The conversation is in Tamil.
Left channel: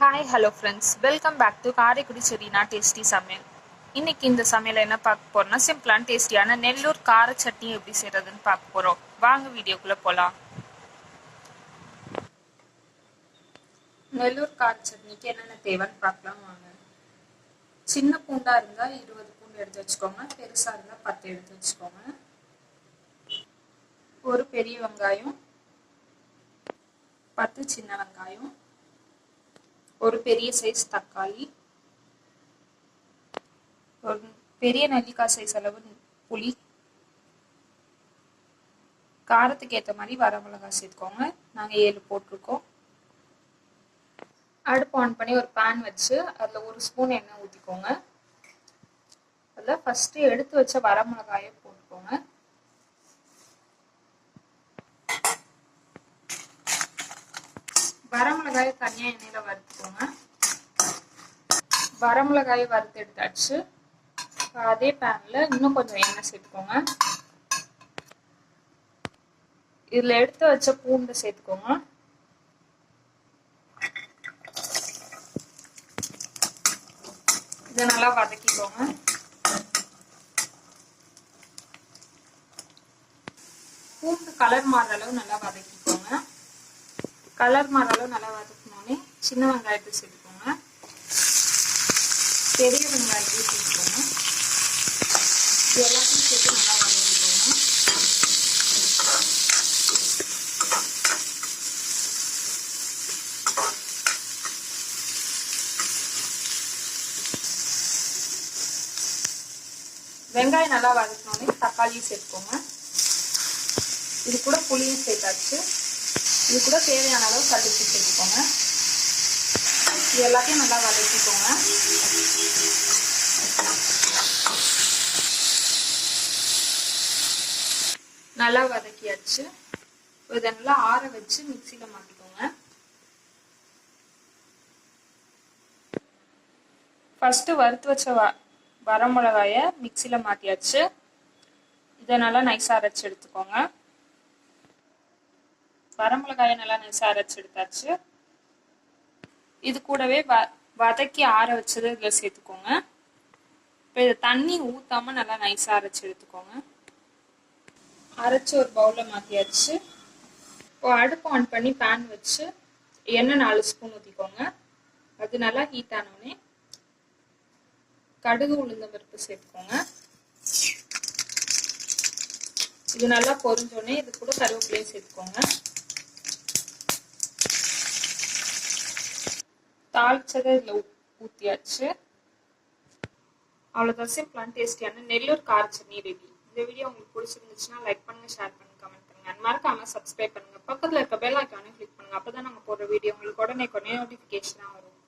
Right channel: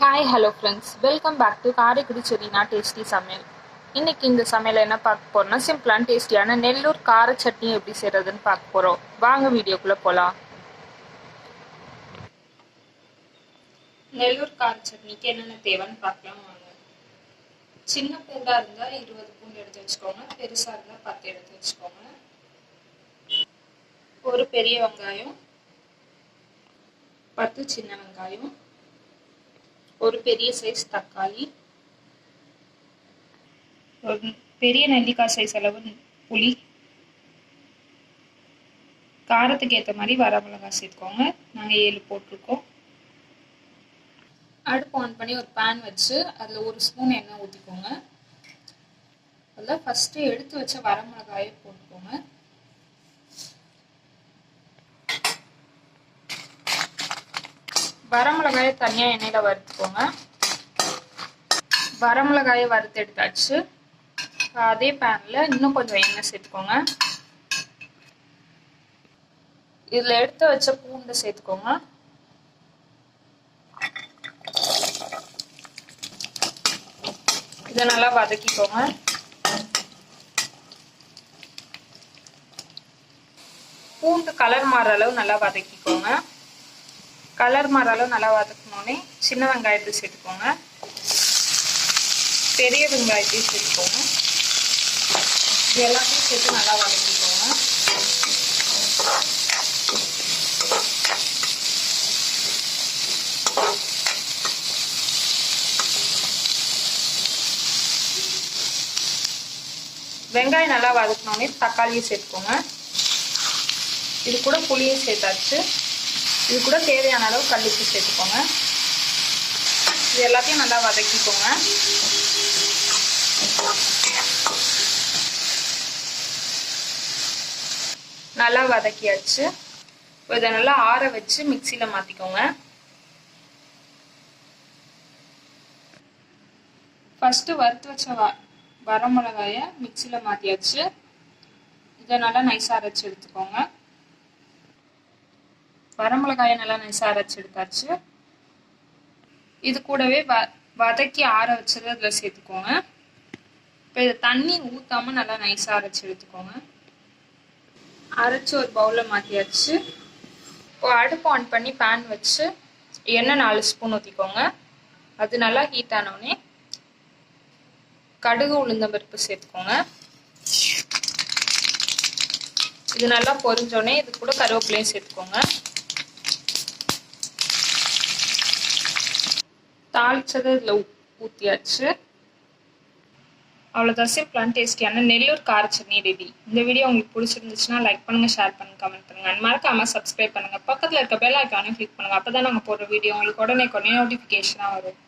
Hi hello friends, welcome back to Karaikudi Serena tasty சமையல். இன்னைக்கு இந்த சமையல் என்ன பார்க்க போறோம்னா, சிம்பிளான டேஸ்டியான நெல்லூர் கார சட்னி எப்படி செய்யறதுன்னு பார்க்க போறோம். வாங்க வீடியோக்குள்ள போலாம். நெல்லூர் கார சட்னிக்கு என்னென்ன தேவைன்னு பார்க்கலாம் வாங்க. சின்ன பூண்டா இருந்தா 20 பூண்டு எடுத்து வச்சுக்கோங்க. பெருசா இருந்தா 10 எடுத்து வச்சுக்கோங்க. ஒரு பெரிய வெங்காயம், 10 சின்ன வெங்காயம், ஒரு பெரிய சைஸ் தக்காளி, ஒரு பெரிய நெல்லிக்காய் சைஸ் அளவு புளி, காரத்துக்கு ஏற்ற மாதிரி வரமிளகாய் சேர்த்துக்கோங்க. நாங்கள் 7 போட்டிருக்கோம். அடுப்பு ஆன் பண்ணி ஒரு பேன் வச்சு அதில் 1 ஸ்பூன் எண்ணெய் ஊற்றிக்கோங்க. அதில் ஃபஸ்ட்டு எடுத்து வச்ச வரமிளகாயை போட்டுக்கோங்க. வரமிளகாயை தனியாக எண்ணெயில் வறுத்துக்கோங்க. வரமிளகாயை வறுத்து எடுத்தாச்சு. அதே பேனில் இன்னும் கொஞ்சம் எண்ணெய் சேர்த்துக்கோங்க. இதில் எடுத்து வச்ச பூண்டை சேர்த்துக்கோங்க. இதை நல்லா வதக்கிக்கோங்க. பூண்டு கலர் மாறுற அளவு நல்லா வதக்கிக்கோங்க. கலர் மாறுற அளவு நல்லா வதக்கினோடனே சின்ன வெங்காயத்தை சேர்த்துக்கோங்க. பெரிய வெங்காயத்தையும் சேர்த்துக்கோங்க. இது எல்லாத்தையும் சேர்த்து நல்லா வதக்கிக்கோங்க. வெங்காயம் நல்லா வதக்கினோடனே தக்காளியும் சேர்த்துக்கோங்க. இது கூட புளியும் சேர்த்தாச்சு. இது கூட தேவையான அளவு கல்லுப்பு சேர்த்துக்கோங்க. இது எல்லாத்தையும் நல்லா வதக்கிக்கோங்க. நல்லா வதக்கியாச்சு. இதை நல்லா ஆற வச்சு மிக்சியில் மாற்றிக்கோங்க. ஃபஸ்ட்டு வறுத்து வச்ச வரமிளகாயை மிக்சியில் மாற்றியாச்சு. இதை நல்லா நைஸாக அரைச்சி எடுத்துக்கோங்க. வரமிளகாயை நல்லா நைஸாக அரைச்சி எடுத்தாச்சு. இது கூடவே வதக்கி ஆற வச்சது அதில் சேர்த்துக்கோங்க. இப்போ இதை தண்ணி ஊற்றாமல் நல்லா நைஸாக அரைச்சி எடுத்துக்கோங்க. அரைச்சி ஒரு பவுலில் மாற்றியாச்சு. இப்போ அடுப்பு ஆன் பண்ணி பேன் வச்சு எண்ணெய் 4 ஸ்பூன் ஊற்றிக்கோங்க. அது நல்லா ஹீட் ஆனோடனே கடுகு உளுந்தம்பருப்பு சேர்த்துக்கோங்க. இது நல்லா பொரிஞ்சோடனே இது கூட கருவேப்பிலையும் சேர்த்துக்கோங்க. தாளிச்சதை இதில் ஊற்றியாச்சு. அவ்வளோதான், சிம்பிளான டேஸ்டியான நெல்லூர் கார சட்னி ரெடி. இந்த வீடியோ உங்களுக்கு பிடிச்சிருந்துச்சுன்னா லைக் பண்ணுங்கள், ஷேர் பண்ணுங்கள், கமெண்ட் பண்ணுங்கள். அண்ட் மறக்காமல் சப்ஸ்கிரைப் பண்ணுங்கள். பக்கத்தில் இருக்க பெல் ஐக்கானையும் கிளிக் பண்ணுங்கள். அப்போ தான் நாங்கள் போடுற வீடியோ உங்களுக்கு உடனே நோட்டிஃபிகேஷனாக வரும்.